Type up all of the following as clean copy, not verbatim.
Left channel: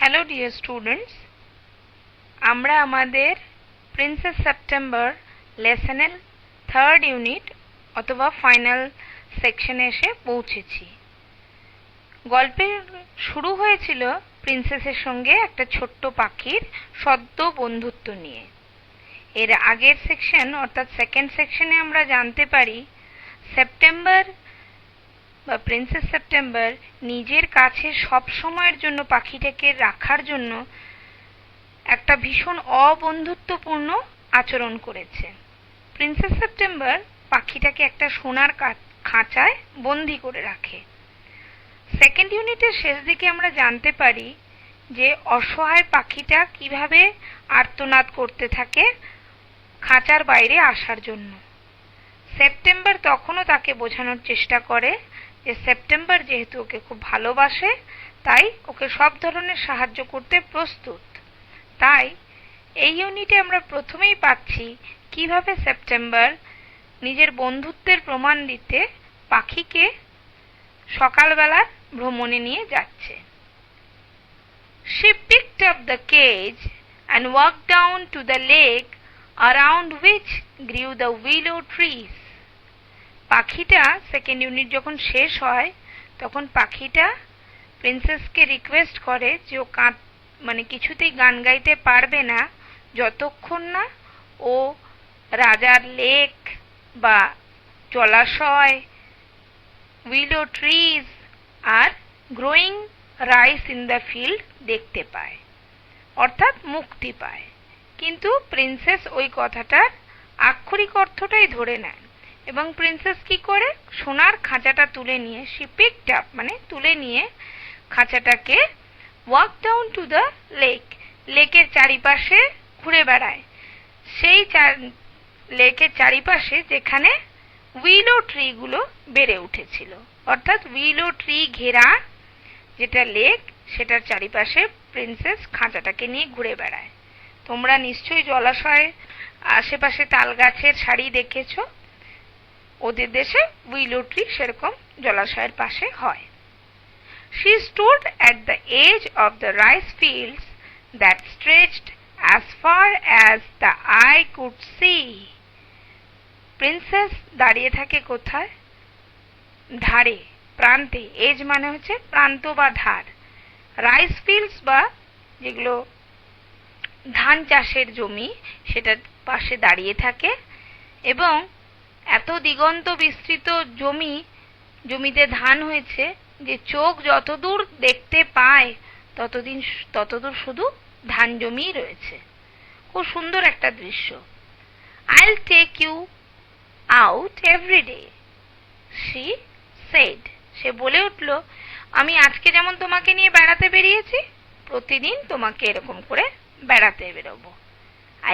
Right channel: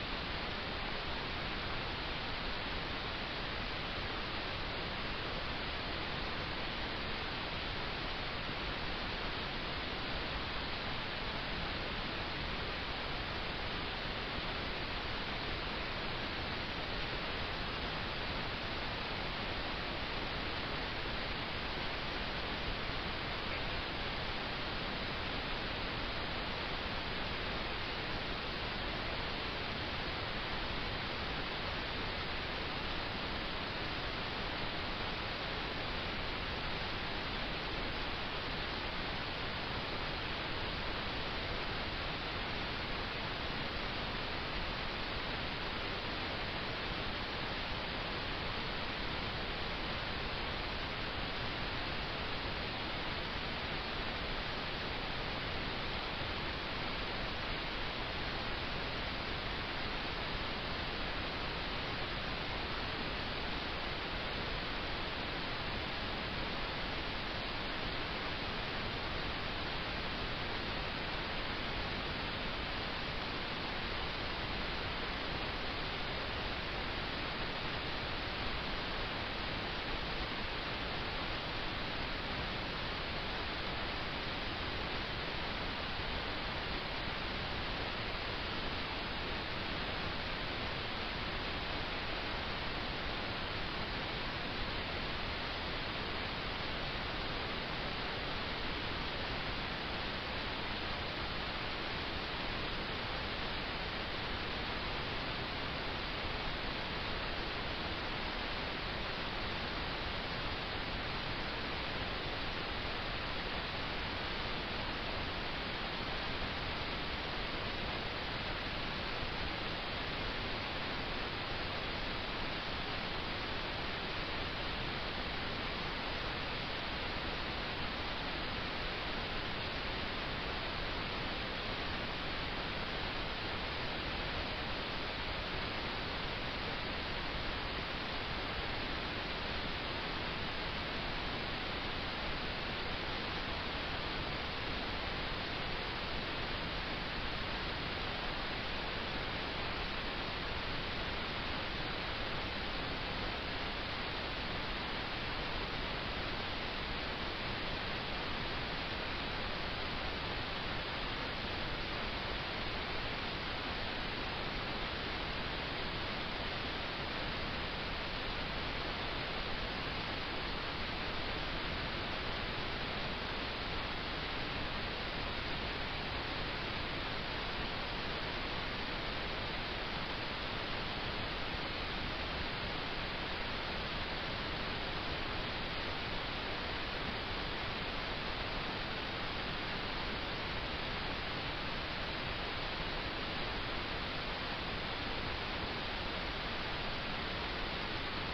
Hello dear students, আমরা আমাদের princess September লেসনের third unit অথবা ফাইনাল সেকশনে এসে পৌঁছেছি। গল্পে শুরু হয়েছিল প্রিন্সেসের সঙ্গে একটা ছোট্ট পাখির সদ্য বন্ধুত্ব নিয়ে। এর আগের সেকশন অর্থাৎ সেকেন্ড সেকশনে আমরা জানতে পারি সেপ্টেম্বর বা প্রিন্সেস সেপ্টেম্বর নিজের কাছে সব সময়ের জন্য পাখিটাকে রাখার জন্য একটা ভীষণ অবন্ধুত্বপূর্ণ আচরণ করেছে। প্রিন্সেস সেপ্টেম্বর পাখিটাকে একটা সোনার খাঁচায় বন্দি করে রাখে। সেকেন্ড ইউনিটের শেষ দিকে আমরা জানতে পারি যে অসহায় পাখিটা কিভাবে আর্তনাদ করতে থাকে খাঁচার বাইরে আসার জন্য। সেপ্টেম্বর তখনও তাকে বোঝানোর চেষ্টা করে যে সেপ্টেম্বর যেহেতু ওকে খুব ভালোবাসে তাই ওকে সব ধরনের সাহায্য করতে প্রস্তুত। তাই এই ইউনিটে আমরা প্রথমেই পাচ্ছি কিভাবে সেপ্টেম্বর নিজের বন্ধুত্বের প্রমাণ দিতে পাখিকে সকালবেলার ভ্রমণে নিয়ে যাচ্ছে। She picked up the cage and walked down to the lake around which grew the willow trees. পাখিটা সেকেন্ড ইউনিট যখন শেষ হয় তখন পাখিটা প্রিন্সেসকে রিকোয়েস্ট করে যে ও কিছুতেই গান গাইতে পারবে না যতক্ষণ না ও রাজার লেক বা জলাশয়, উইলো trees are growing rice in the field দেখতে পায়, অর্থাৎ মুক্তি পায়। কিন্তু প্রিন্সেস ওই কথাটার আক্ষরিক অর্থটাই ধরে নেয় এবং প্রিন্সেস কি করে সোনার খাঁচাটা তুলে নিয়ে তুলে নিয়ে খাঁচাটাকে ওয়াক ডাউন টু দ্য লেকের চারিপাশে ঘুরে বেড়ায়। সেই লেকের চারিপাশে যেখানে উইলো ট্রিগুলো বেড়ে উঠেছিল, অর্থাৎ উইলো ট্রি ঘেরা যেটা লেক সেটার চারিপাশে প্রিন্সেস খাঁচাটাকে নিয়ে ঘুরে বেড়ায়। তোমরা নিশ্চয়ই জলাশয়ে আশেপাশে তাল গাছের সারি দেখেছো, ওদের দেশে উইলো ট্রি সেরকম জলাশয়ের পাশে হয়। She stood at the edge of the rice fields that stretched as far as the eye could see. Princess দাঁড়িয়ে থাকে কোথায়? ধারে, প্রান্তে। এজ মানে হচ্ছে প্রান্ত বা ধার। রাইস ফিল্ডস বা যেগুলো ধান চাষের জমি সেটার পাশে দাঁড়িয়ে থাকে এবং এত দিগন্ত বিস্তৃত জমিতে ধান হয়েছে যে চোখ যতদূর দেখতে পায় ততদূর শুধু ধান জমিই রয়েছে। খুব সুন্দর একটা দৃশ্য। I'll take you out every day, she said. সে বলে উঠল, আমি আজকে যেমন তোমাকে নিয়ে বেড়াতে বেরিয়েছি প্রতিদিন তোমাকে এরকম করে বেড়াতে বেরোবো।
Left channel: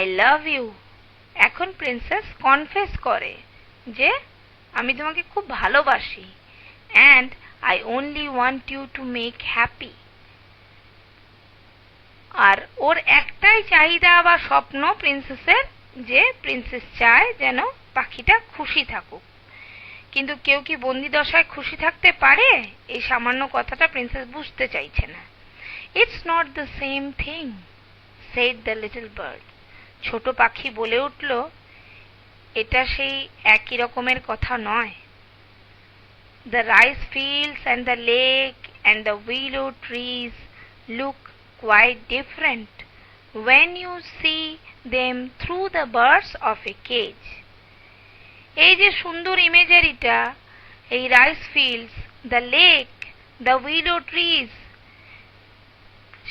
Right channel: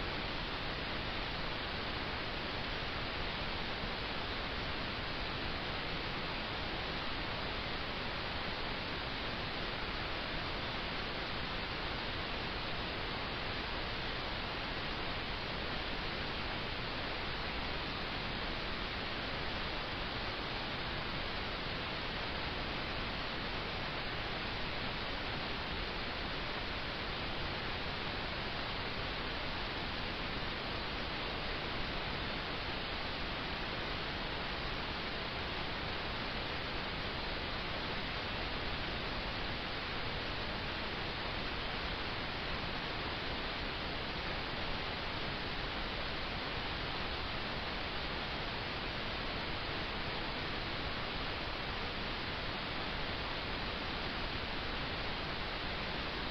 I love you. এখন প্রিন্সেস কনফেস করে যে আমি তোমাকে খুব ভালোবাসি and I only want you to make happy. আর ওর একটাই চাহিদা বা স্বপ্ন প্রিন্সেসের, যে প্রিন্সেস চায় যেন পাখিটা খুশি থাকুক। কিন্তু কেউ কি বন্দি দশায় খুশি থাকতে পারে? এই সামান্য কথাটা প্রিন্সেস বুঝতে চাইছে না। It's not the same thing, said the little bird. ছোট পাখি বলে উঠল, এটা সেই একই রকমের কথা নয়। The rice fields and the lake and the willow trees look quite different when you see them through the bars of a cage. এই যে সুন্দর ইমেজারিটা, এই rice fields, the lake, the উইলো trees,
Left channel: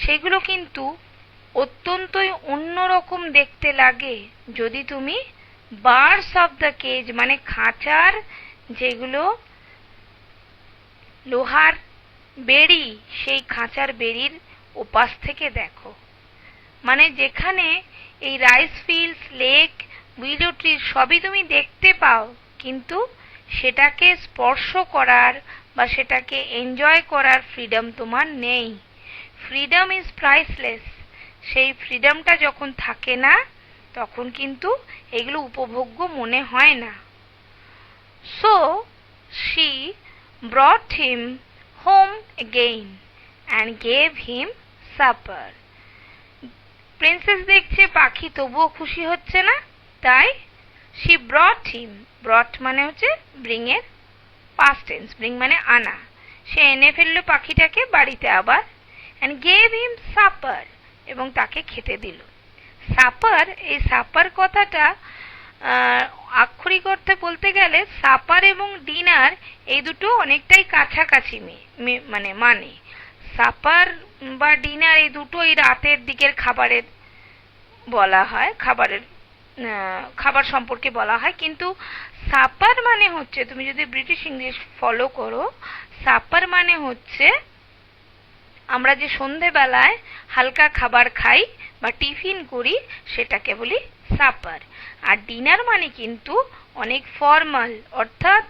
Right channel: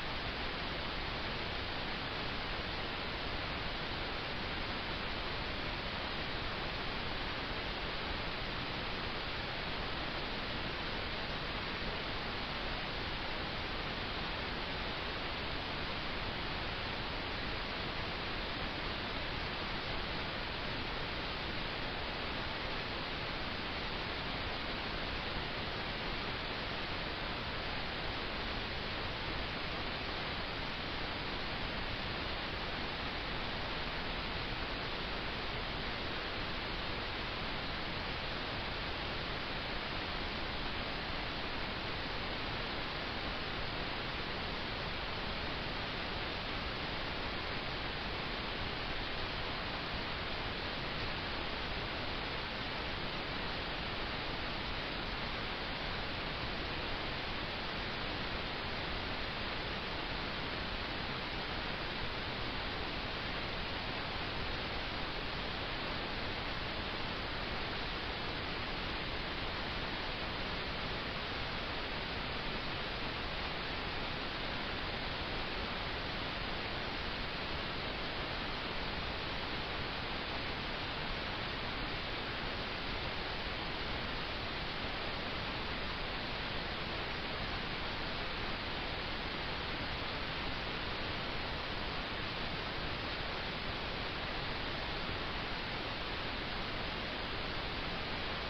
সেগুলো কিন্তু অত্যন্তই অন্যরকম দেখতে লাগে যদি তুমি বার্স অফ দ্য কেজ মানে খাঁচার যেগুলো লোহার বেড়ি, সেই খাঁচার বেড়ির ওপাশ থেকে দেখো। মানে যেখানে এই রাইস ফিল্ডস, লেক, উইলো ট্রি সবই তুমি দেখতে পাও, কিন্তু সেটাকে স্পর্শ করার বা সেটাকে এনজয় করার ফ্রিডম তোমার নেই। Freedom is priceless. সেই ফ্রিডমটা যখন থাকে না তখন কিন্তু এগুলো উপভোগ্য মনে হয় না। So she brought him home again and gave him supper. Princess দেখছে পাখি তবুও খুশি হচ্ছে না, তাই she brought him, brought মানে হচ্ছে bring এর past tense, bring মানে আনা, সে এনে ফেললো পাখিটাকে বাড়িতে আবার, and gave him supper, এবং তাকে খেতে দিল। সাপার, এই সাপার কথাটা আক্ষরিক অর্থে বলতে গেলে সাপার এবং ডিনার এই দুটো অনেকটাই কাছাকাছি মানে সাপার বা ডিনার এই দুটোই রাতের দিকের খাবারের বলা হয়, খাবার সম্পর্কে বলা হয়, কিন্তু সাপার মানে হচ্ছে, তুমি যদি ব্রিটিশ ইংলিশ ফলো করো, সাপার মানে হচ্ছে আমরা যে সন্ধেবেলায় হালকা খাবার খাই বা টিফিন করি সেটাকে বলি সাপার। আর ডিনার মানে কিন্তু অনেক ফর্মাল, অর্থাৎ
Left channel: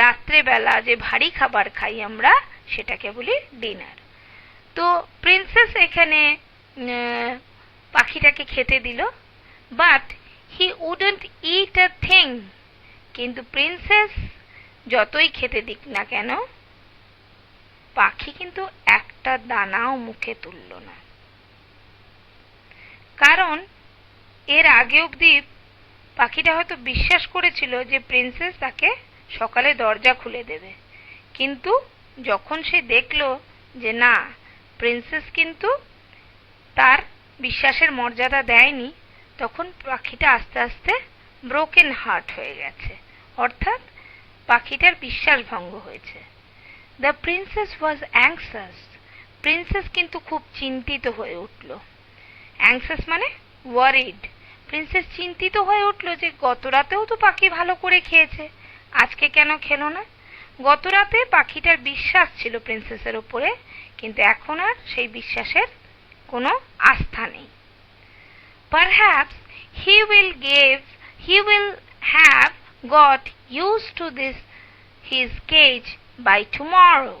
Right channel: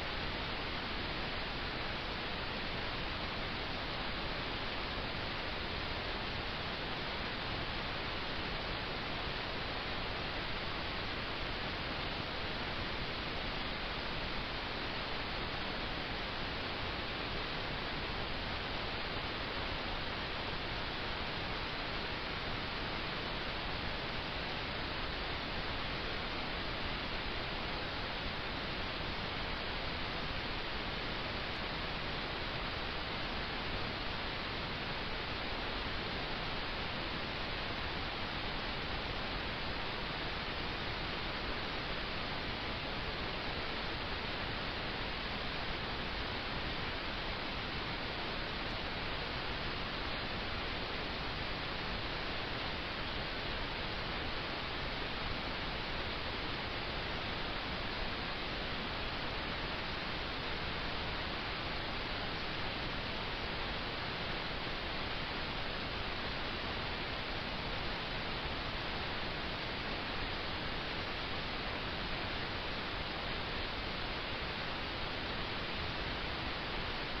রাত্রেবেলা যে ভারী খাবার খাই আমরা সেটাকে বলি ডিনার। তো প্রিন্সেস এখানে পাখিটাকে খেতে দিল, but he wouldn't it a thing, কিন্তু প্রিন্সেস যতই খেতে দিক না কেন পাখি কিন্তু একটা দানাও মুখে তুলল না। কারণ এর আগে অবধি পাখিটা হয়তো বিশ্বাস করেছিল যে প্রিন্সেস তাকে সকালে দরজা খুলে দেবে, কিন্তু যখন সে দেখল যে না, প্রিন্সেস কিন্তু তার বিশ্বাসের মর্যাদা দেয়নি, তখন পাখিটা আস্তে আস্তে ব্রোকেন হার্ট হয়ে গেছে, অর্থাৎ পাখিটার বিশ্বাস ভঙ্গ হয়েছে। The princess was anxious, princess কিন্তু খুব চিন্তিত হয়ে উঠল। অ্যাংসাস মানে ওয়ারিড। প্রিন্সেস চিন্তিত হয়ে উঠল যে গত রাতেও তো পাখি ভালো করে খেয়েছে, আজকে কেন খেলো না? গত রাতে পাখিটার বিশ্বাস ছিল প্রিন্সেসের উপরে, কিন্তু এখন আর সেই বিশ্বাসের কোনো আস্থা নেই। Perhaps he will have got used to his cage by tomorrow,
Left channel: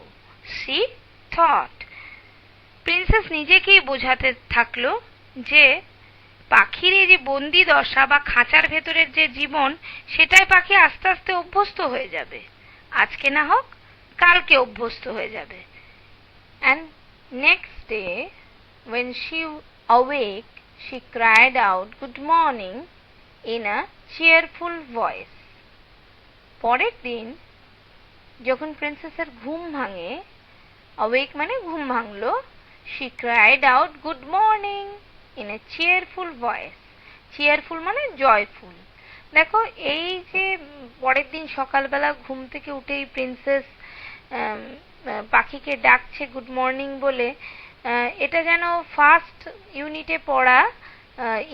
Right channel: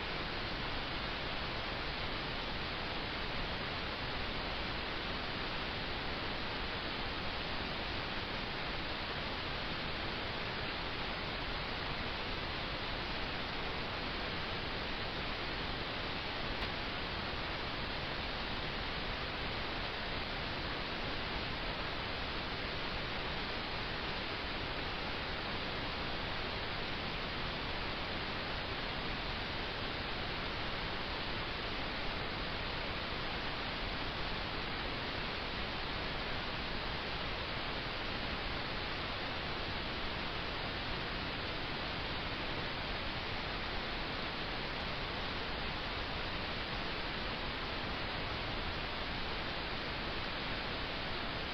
she thought. Princess নিজেকেই বোঝাতে থাকলো যে পাখির এই যে বন্দি দশা বা খাঁচার ভেতরের যে জীবন, সেটাই পাখি আস্তে আস্তে অভ্যস্ত হয়ে যাবে, আজকে না হোক কালকে অভ্যস্ত হয়ে যাবে। And next day when she awake, she cried out good morning in a cheerful voice. পরের দিন যখন প্রিন্সেসের ঘুম ভাঙে, awake মানে ঘুম ভাঙলো, she cried out good morning in a cheerful voice. cheerful মানে জয়ফুল। দেখো, এই যে পরের দিন সকালবেলা ঘুম থেকে উঠেই প্রিন্সেস পাখিকে ডাকছে গুড মর্নিং বলে, এটা যেন ফার্স্ট ইউনিটে পড়া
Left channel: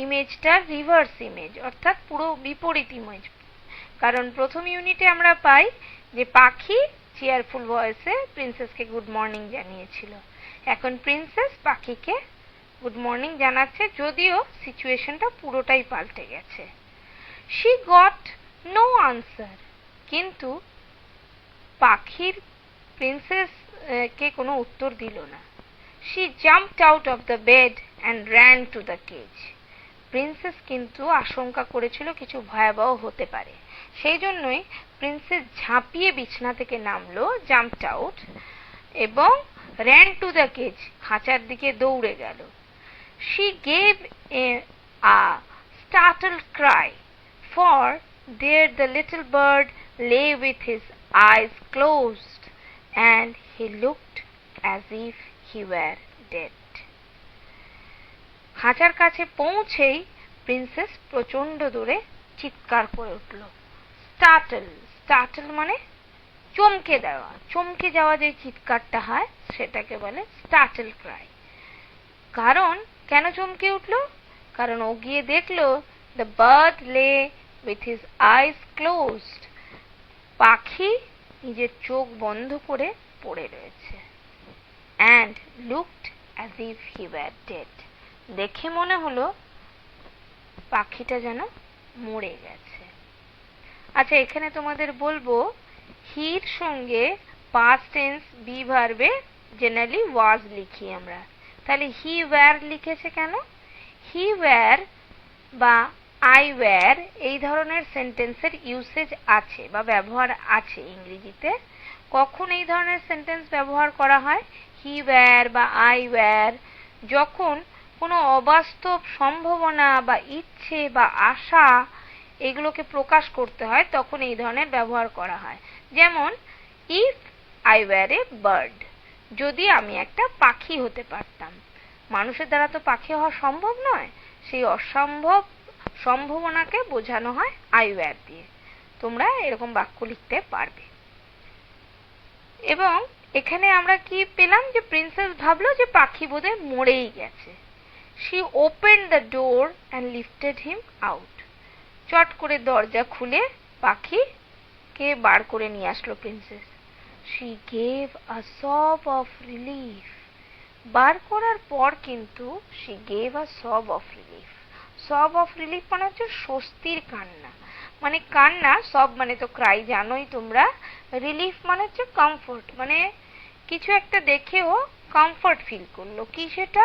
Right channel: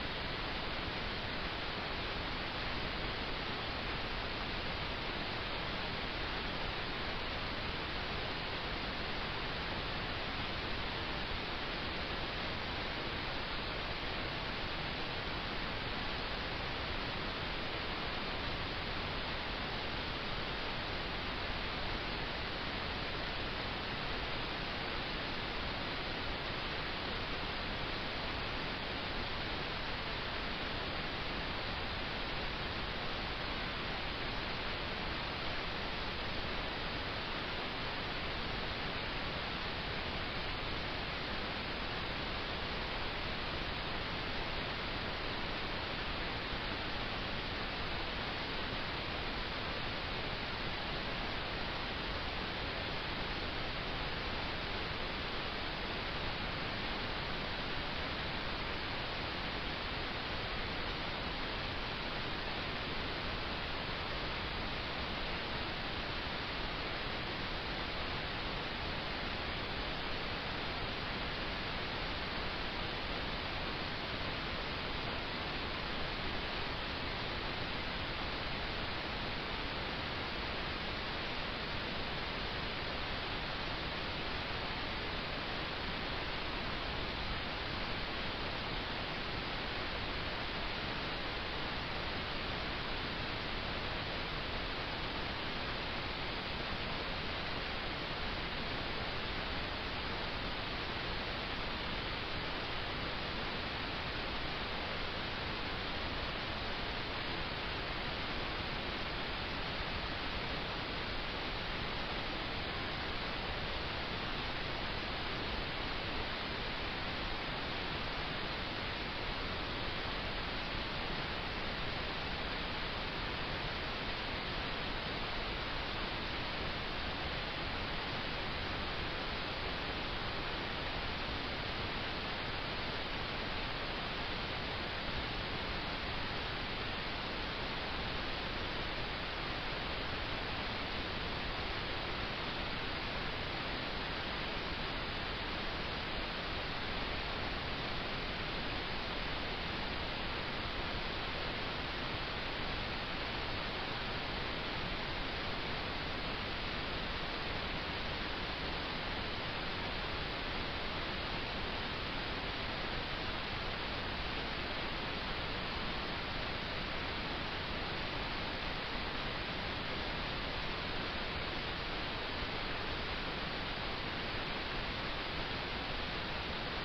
ইমেজটার রিভার্স ইমেজ, অর্থাৎ পুরো বিপরীত ইমেজ। কারণ প্রথম ইউনিটে আমরা পাই যে পাখি চেয়ারফুল ভয়েসে প্রিন্সেসকে গুড মর্নিং জানিয়েছিল, এখন প্রিন্সেস পাখিকে গুড মর্নিং জানাচ্ছে, যদিও সিচুয়েশনটা পুরোটাই পাল্টে গেছে। she got no answer, কিন্তু পাখির প্রিন্সেস কে কোনো উত্তর দিল না। she jumped out of the bed and ran to the cage. Princess কিন্তু আশঙ্কা করেছিল কিছু ভয়াবহ হতে পারে, সেই জন্যই প্রিন্সেস ঝাঁপিয়ে বিছানা থেকে নামলো, জাম্পড আউট, এবং ran to the cage, খাঁচার দিকে দৌড়ে গেল। she gave a startled cry, for there the little bird lay with his eyes closed, and he looked as if he were dead. খাঁচার কাছে পৌঁছেই প্রিন্সেস প্রচন্ড দূরে চিৎকার করে উঠল। startle মানে চমকে দেওয়া, চমকে যাওয়া যে চিৎকারটা হয় সেটাকে বলে startle cry। কারণ কেন চমকে উঠলো? কারণ ও গিয়ে দেখলো the bird lay with his eyes closed, পাখি নিজের চোখ বন্ধ করে পড়ে রয়েছে, and looked as if he were dead, দেখে মনে হলো পাখিটা যেন মরে গেছে। আচ্ছা, এখানে তোমাদের বলবো হির সঙ্গে past tense be verb-এ জেনারেলি was লিখি আমরা, তাহলে হি ওয়্যার লিখেছে কেন? হি ওয়্যার বা আই ওয়্যার এই ধরনের সেন্টেন্সের ইউসেজ আছে বা ব্যবহার আছে ইংরেজিতে। কখন এই ধরনের সেন্টেন্স ব্যবহার করা হয়? হি ওয়্যার বা আই ওয়্যার যখন কোনো অবাস্তব সম্ভাবনা বা ইচ্ছে বা আশা এগুলোকে প্রকাশ করতে হয় তখন এই ধরনের ব্যবহার করা হয়। যেমন if I were a bird, যদি আমি একটা পাখি হতে পারতাম। মানুষের দ্বারা তো পাখি হওয়া সম্ভব নয়, সেই অসম্ভব সম্ভাবনাকে বোঝানো হয় আই ওয়্যার দিয়ে। তোমরা এরকম বাক্য লিখতে পারবে। এবং এখানে আমরা কি পেলাম, যে প্রিন্সেস ভাবলো যে পাখি বোধহয় মরেই গেছে। She opened the door and lifted him out. চট করে দরজা খুলে পাখিকে বার করে নিয়ে আসলো প্রিন্সেস। শি গেভ আ সব অফ রিলিফ। বার করার পর কিন্তু শি গেভ আ সব অফ রিলিফ। সব অফ রিলিফ মানে হচ্ছে স্বস্তির কান্না। মানে কান্না, সব মানে তো ক্রাই জানোই তোমরা। রিলিফ মানে হচ্ছে কমফোর্ট, মানে কিছু একটা দেখেও কমফোর্ট ফিল করলো। কি সেটা?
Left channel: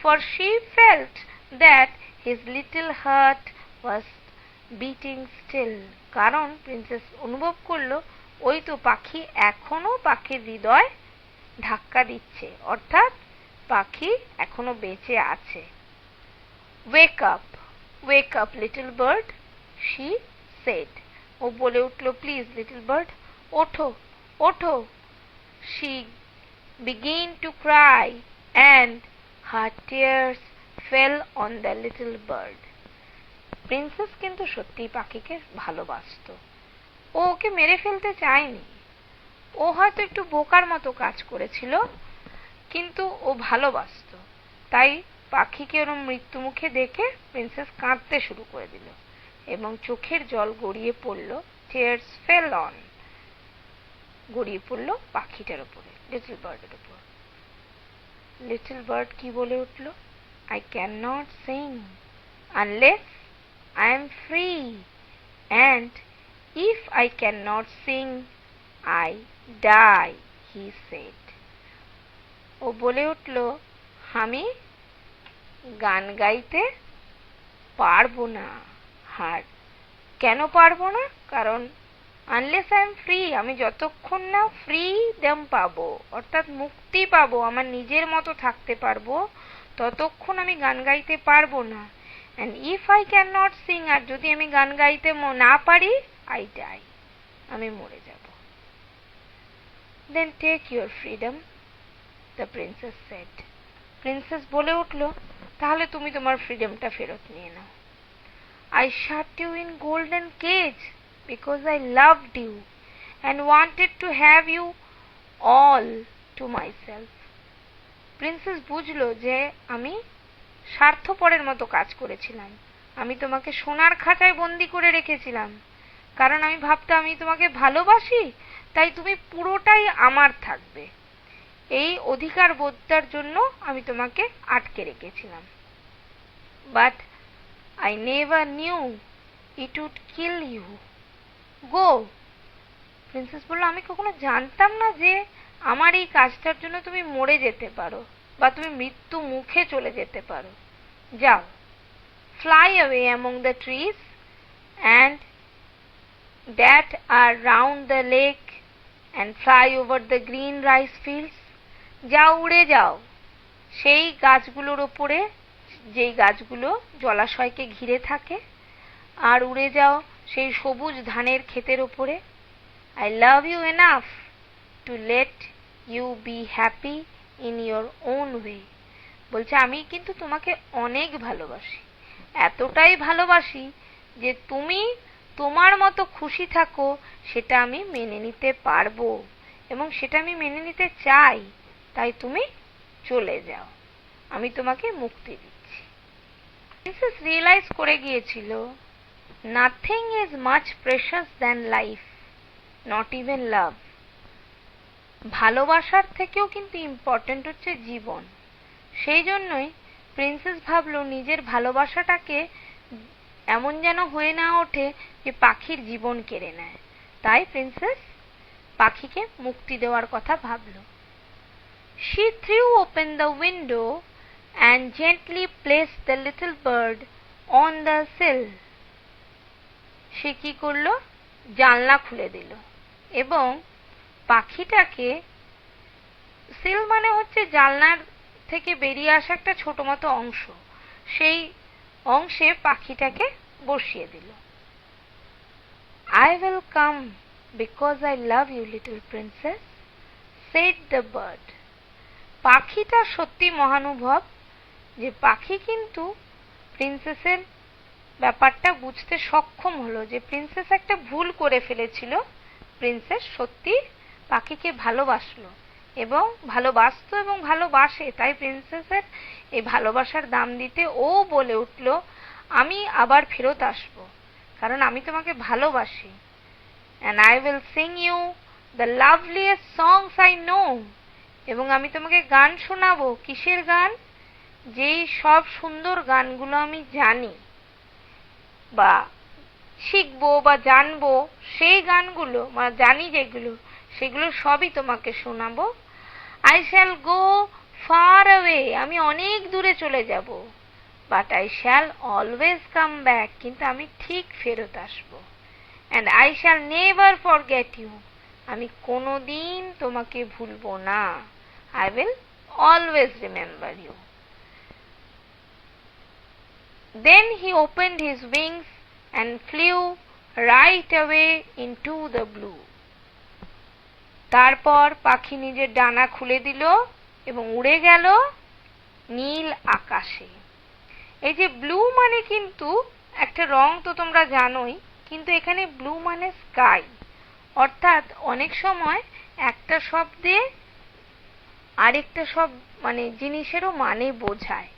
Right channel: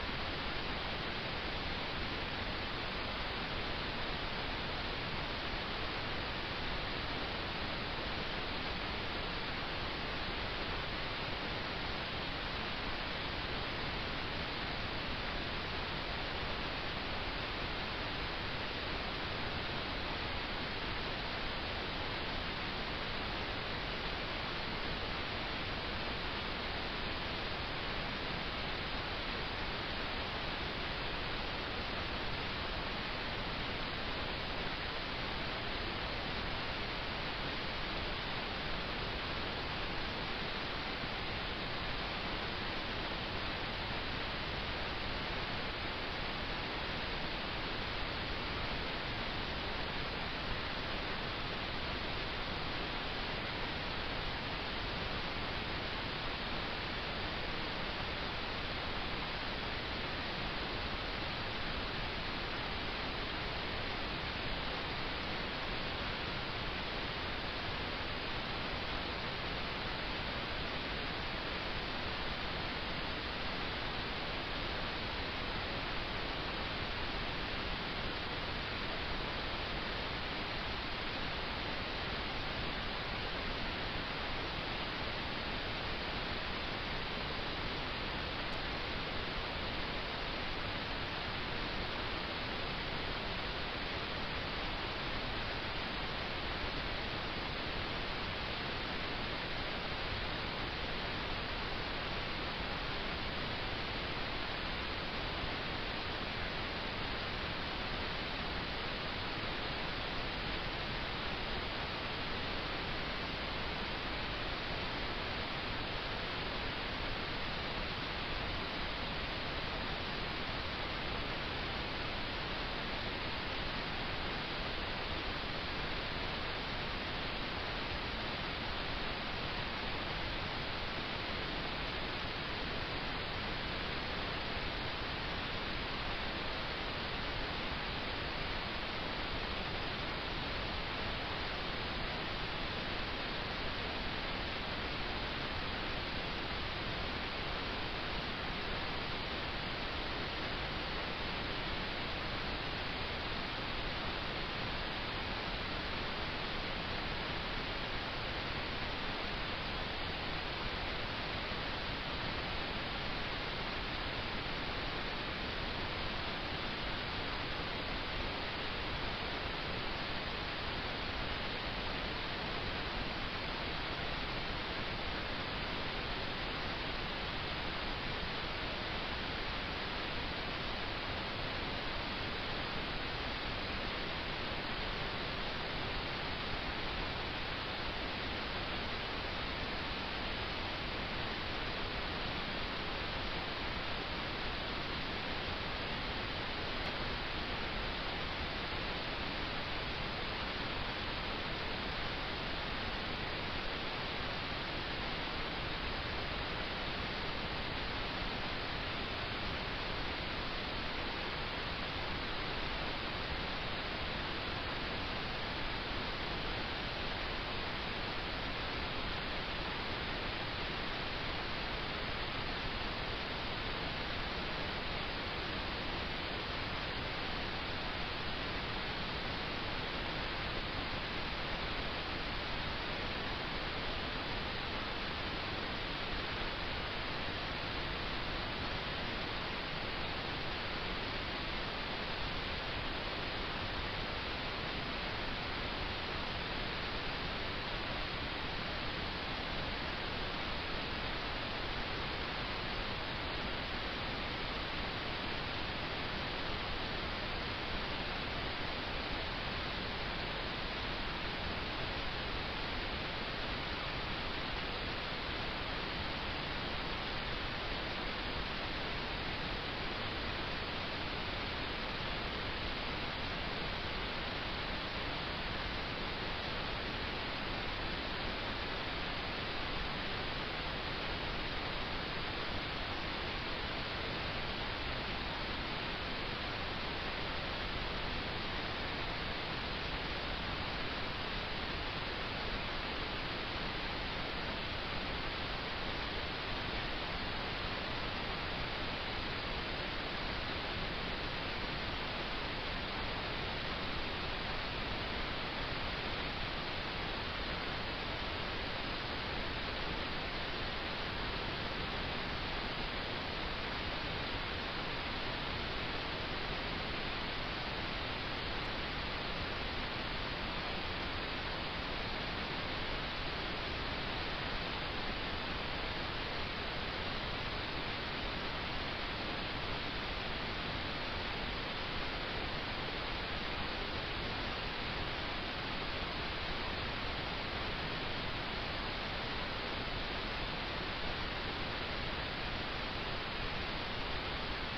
For she felt that his little heart was beating still. কারণ প্রিন্সেস অনুভব করলো ওই তো পাখি এখনো, পাখির হৃদয় ধাক্কা দিচ্ছে, অর্থাৎ পাখি এখনো বেঁচে আছে। Wake up, wake up little bird, she said. ও বলে উঠলো, প্লিজ লিটল বার্ড, ওঠো ওঠো। She began to cry and her tears fell on the little bird. Princess কিন্তু সত্যি পাখিকে ভালোবাসত। ও ওকে মেরে ফেলতে চায়নি। ও হয়তো একটু বোকার মতো কাজ করেছিল, কিন্তু ও ভালোবাসত। তাই পাখিকে ওরম মৃত্যু মুখে দেখে প্রিন্সেস কাঁদতে শুরু করে দিল এবং চোখের জল গড়িয়ে পড়ল। tears fell on, গড়িয়ে পড়ল পাখিটার উপর, লিটল বার্ড। লিটল বার্ড কি বলে উঠল? I cannot sing unless I am free, and if I cannot sing, I die, he said. ও বলে উঠল, আমি গান গাইতে পারবো না। আর কেন পারবো না? কারণ আনলেস আই এম ফ্রি, আমি যতক্ষণ না ফ্রিডম পাবো, অর্থাৎ মুক্তি পাবো, আমার নিজের মতো থাকতে পারবো, ততক্ষণ আমি গান গাইতে পারবো না। And if I can not sing, আর যদি আমি গান গাইতে না পারি, আই ডাই, আমি মরে যাব। Then take your freedom, the princess said. Princess বলে উঠল, তাহলে তুমি তোমার ফ্রিডমটা ফেরত নিয়ে নাও। I shut you in golden cage because I loved you and wanted to have you all to myself. Princess বুঝলো যে আমি স্বার্থপরের মতো কাজ করেছিলাম। আমি তোমাকে সোনার খাঁচায় বন্দি করে রেখেছিলাম, কারণ আমি ভাবতাম আমি তোমাকে ভালোবাসি, তাই তুমি পুরোটাই আমার থাকবে। এই অধিকার বোধটার জন্য আমি তোমাকে আটকে রেখেছিলাম। But I never knew it would kill you. Go. Princess বলল, আমি কখনো জানতাম না যে আমার এই কাজটার জন্য তুমি মরে যেতে পারো বা তুমি মৃত্যু মুখে চলে যেতে পারো। যাও, fly away among the trees and that are round the lake and fly over the green rice fields. যাও, উড়ে যাও সেই গাছগুলোর ওপরে, যেই গাছগুলো জলাশয়কে ঘিরে থাকে, আর উড়ে যাও সেই সবুজ ধানের ক্ষেতের ওপরে। I love you enough to let you be happy in your own way. বলছে, আমি কিন্তু তোমাকে অনেক ভালোবাসি, এতটাই ভালোবাসি যে তুমি তোমার মতো খুশি থাকো, সেটা আমি মেনে নিতে পারবো এবং সেটা আমি মেনে নিতে চাই। তাই তুমি চলে যাও, আমি তোমাকে মুক্তি দিচ্ছি। প্রিন্সেস রিয়েলাইজ করে গিয়েছিল, nothing is much precious than life, not even love. ভালোবাসার থেকেও কিন্তু ইম্পর্টেন্ট হচ্ছে জীবন। সেই জন্যই প্রিন্সেস ভাবলো নিজের ভালোবাসাটাকে এমন যেন হয়ে না ওঠে যে পাখির জীবন কেড়ে নেয়। তাই প্রিন্সেস পাখিকে মুক্তি দেওয়ার কথা ভাবল। She threw open the window and gently placed the little bird on the sill. সে কি করলো? জানলা খুলে দিল এবং পাখিটাকে, সিল মানে হচ্ছে জানলার থেকে বেরিয়ে আসা একটা ছোট মতো অংশ, সেই অংশে পাখিটাকে বসিয়ে দিল। I will come because I love you, little princess, said the bird. পাখিটা সত্যি মহানুভব যে পাখি কিন্তু প্রিন্সেসের ব্যাপারটা বুঝতে সক্ষম হলো যে প্রিন্সেস একটা ভুল করে ফেলেছিল। প্রিন্সেস সত্যি পাখিকে ভালোবাসলো এবং ভালোবাসতো এবং ভালোবাসে, তাই প্রিন্সেসের এই ভালোবাসার দাম দিতে ও বলে উঠল, আমি আবার ফেরত আসবো কারণ আমি তোমাকে ভালোবাসি। And I will sing you the loveliest songs I know. এবং আমি তোমাকে গান শোনাবো। কিসের গান? যেই সব সুন্দর গানগুলো আমি জানি বা শিখবো বা জানবো, সেই গানগুলো বা জানি যেগুলো, সেগুলো সবই তোমাকে শোনাবো। I shall go far away. আমি অনেক দূরে চলে যাব। But I shall always come back. কিন্তু আমি ঠিক ফেরত আসবো। And I shall never forget you. আমি কোনোদিন তোমাকে ভুলবো না। I will always remember you. Then he opened his wings and flew right away into the blue. তারপর পাখি নিজের ডানা খুলে দিল এবং উড়ে গেল নীল আকাশে। এই যে ব্লু মানে কিন্তু একটা রং তো তোমরা জানোই, কিন্তু এখানে ব্লু মানে স্কাই, অর্থাৎ অনেক সময় একটা শব্দে আরেকটা মানে জিনিসেরও মানে বোঝায়।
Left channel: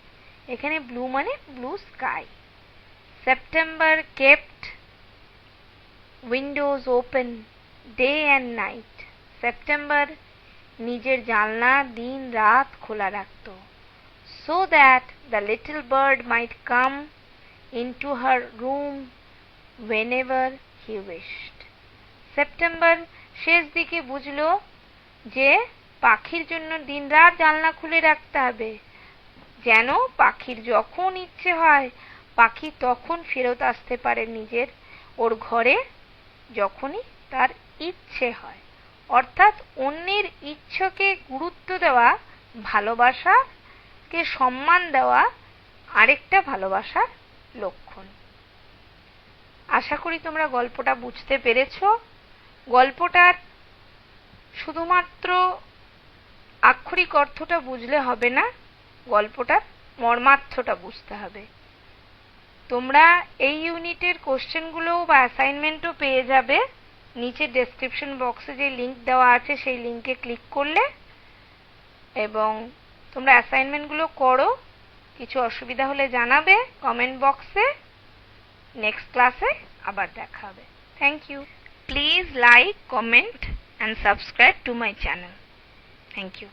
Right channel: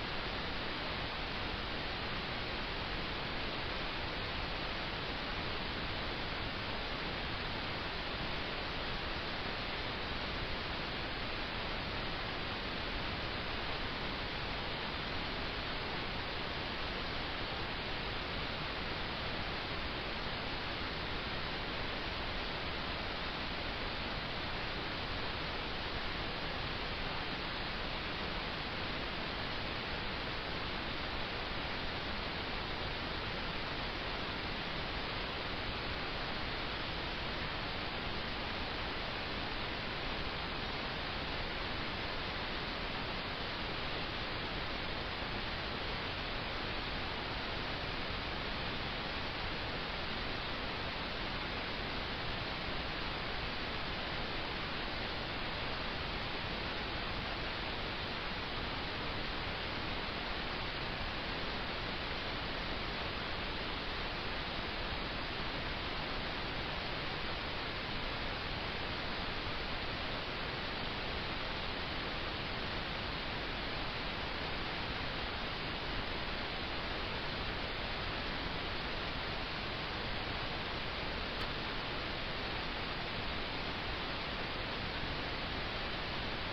এখানে ব্লু মানে blue sky. September kept windows open day and night. September নিজের জানলা দিন রাত খোলা রাখত, so that the little bird might come into her room whenever he wished. September শেষ দিকে বুঝলো যে পাখির জন্য দিনরাত জানলা খুলে রাখতে হবে, যেন পাখির যখন ইচ্ছে হয় পাখি তখন ফেরত আসতে পারে নিজের ওর ঘরে যখনই তার ইচ্ছে হয়। অর্থাৎ অন্যের ইচ্ছাকে গুরুত্ব দেওয়া, ভালোবাসাকে সম্মান দেওয়া আরেকটা ভালোবাসার লক্ষণ। আশা করি তোমরা গল্পটা বুঝতে পেরেছো। গল্পটার শুধুমাত্র আক্ষরিক অর্থটা বুঝলে হবে না, গল্পটার মর্মার্থটা বুঝতে হবে। তোমরা এই ইউনিটের কোশ্চেনগুলো বা অ্যাসাইনমেন্টও পেয়ে যাবে নিচে ডেসক্রিপশন বক্সে যে লিঙ্ক দেওয়া আছে সেই লিঙ্কে ক্লিক করলে, এবং তোমরা অ্যাসাইনমেন্টগুলো করো। কিছু অসুবিধা হলে জানাবে কমেন্ট বক্সে। নেক্সট ক্লাসে আবার দেখা হবে। Thank you. Please like, comment and subscribe to my channel. Thank you.